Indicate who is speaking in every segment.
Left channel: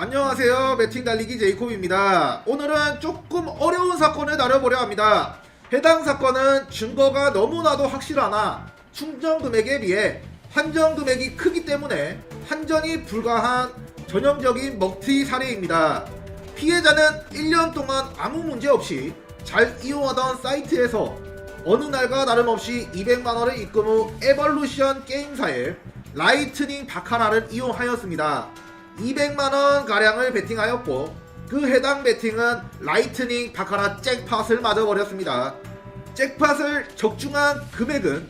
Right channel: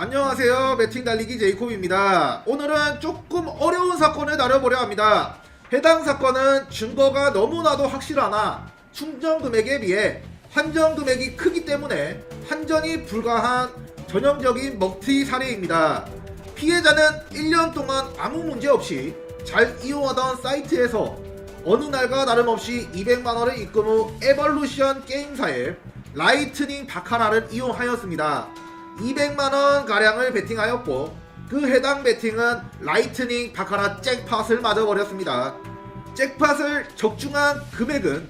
Speaker 1: 안녕하세요. 매팅 달리기 제이콥입니다. 오늘은 조금 어려운 사건을 다뤄보려 합니다. 해당 사건은 증거가 너무나도 확실하나 충전 금액에 비해 한전 금액이 크기 때문에 한전이 불가한 전형적인 먹튀 사례입니다. 피해자는 1년 동안 아무 문제 없이 잘 이용하던 사이트에서 어느 날과 다름없이 200만원을 입금 후 에볼루션 게임사의 라이트닝 바카라를 이용하였습니다. 200만원 가량을 베팅하였고 그 해당 베팅은 라이트닝 바카라 잭팟을 맞아버렸습니다. 잭팟을 적중한 금액은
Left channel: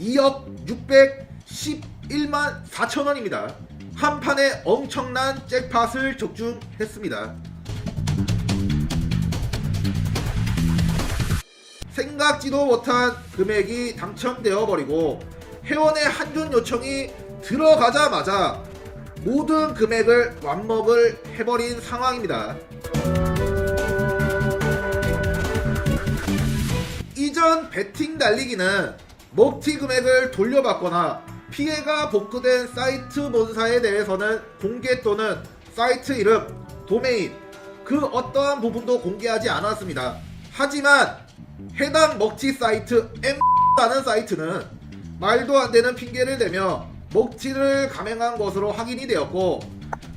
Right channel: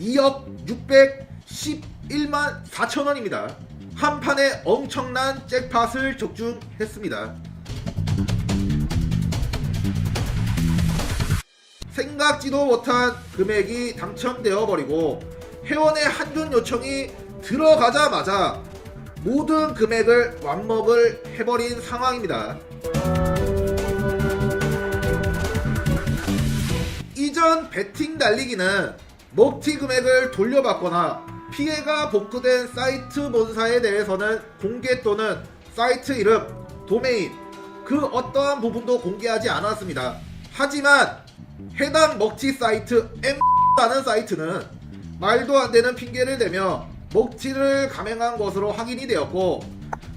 Speaker 1: 2억 611만 4천원입니다. 한 판에 엄청난 잭팟을 적중했습니다. 생각지도 못한 금액이 당첨되어 버리고 회원의 한전 요청이 들어가자마자 모든 금액을 완먹을 해버린 상황입니다. 이전 베팅 달리기는 목티 금액을 돌려받거나 피해가 복구된 사이트 본사에 대해서는 공개 또는 사이트 이름, 도메인 그 어떤 부분도 공개하지 않았습니다. 하지만 해당 먹튀 사이트 M라는 사이트는 말도 안 되는 핑계를 대며 먹튀를 감행한 것으로 확인이 되었고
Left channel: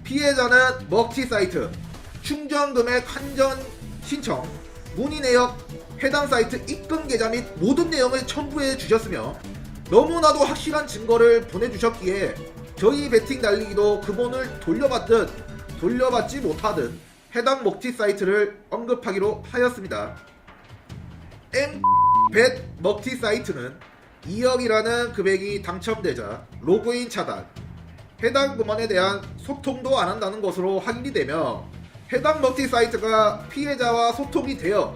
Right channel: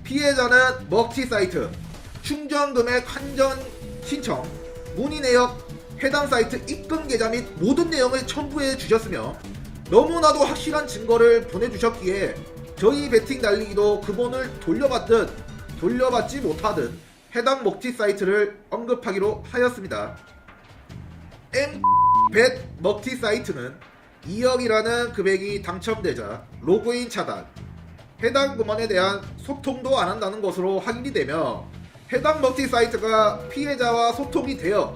Speaker 1: 피해자는 먹튀 사이트 충전 금액 한전 신청 문의 내역 해당 사이트 입금 계좌 및 모든 내용을 첨부해 주셨으며 너무나도 확실한 증거를 보내주셨기에 저희 베팅 달리기도 그분을 돌려받든 돌려받지 못하는 해당 먹튀 사이트를 언급하기로 하였습니다. M100 먹튀 사이트는 2억이라는 금액이 당첨되자 로그인 차단, 해당 부문에 대한 소통도 안 한다는 것으로 확인되며 해당 먹튀 사이트가 피해자와 소통이 되어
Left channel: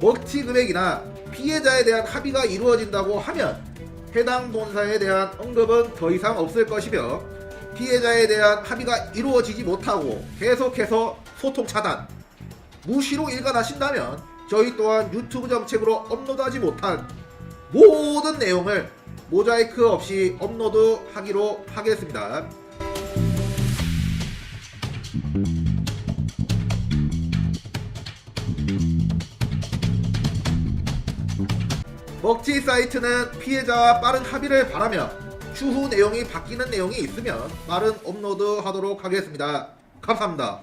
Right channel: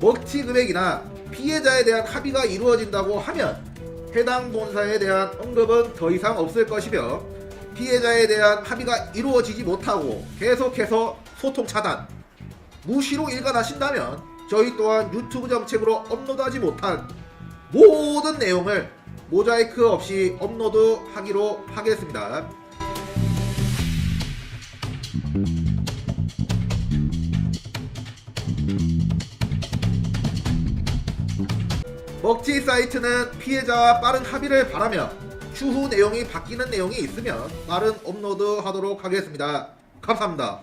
Speaker 1: 먹튀 금액이나 피해자에 대한 합의가 이루어진다고 하면 해당 본사에 대한 언급은 더 이상 없을 것이며 피해자에 대한 합의가 이루어지지 못하고 계속해서 소통 차단, 무시로 일관하신다면 저희 또한 유튜브 정책으로 업로드하지 못한 모든 내용을 모자이크 없이 업로드 하기로 하겠습니다. 먹튀 사이트는 피해자와 빠른 합의를 바라며 추후 내용이 바뀌는 내용이 있으면 빠른 업로드 하도록 하겠습니다. 감사합니다.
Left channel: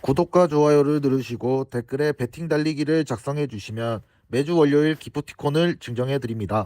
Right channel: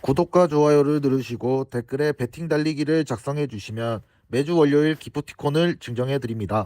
Speaker 2: 구독과 좋아요를 누르시고 댓글에 배팅 달리기를 작성해 주시면 매주 월요일 기프티콘을 증정해 드립니다.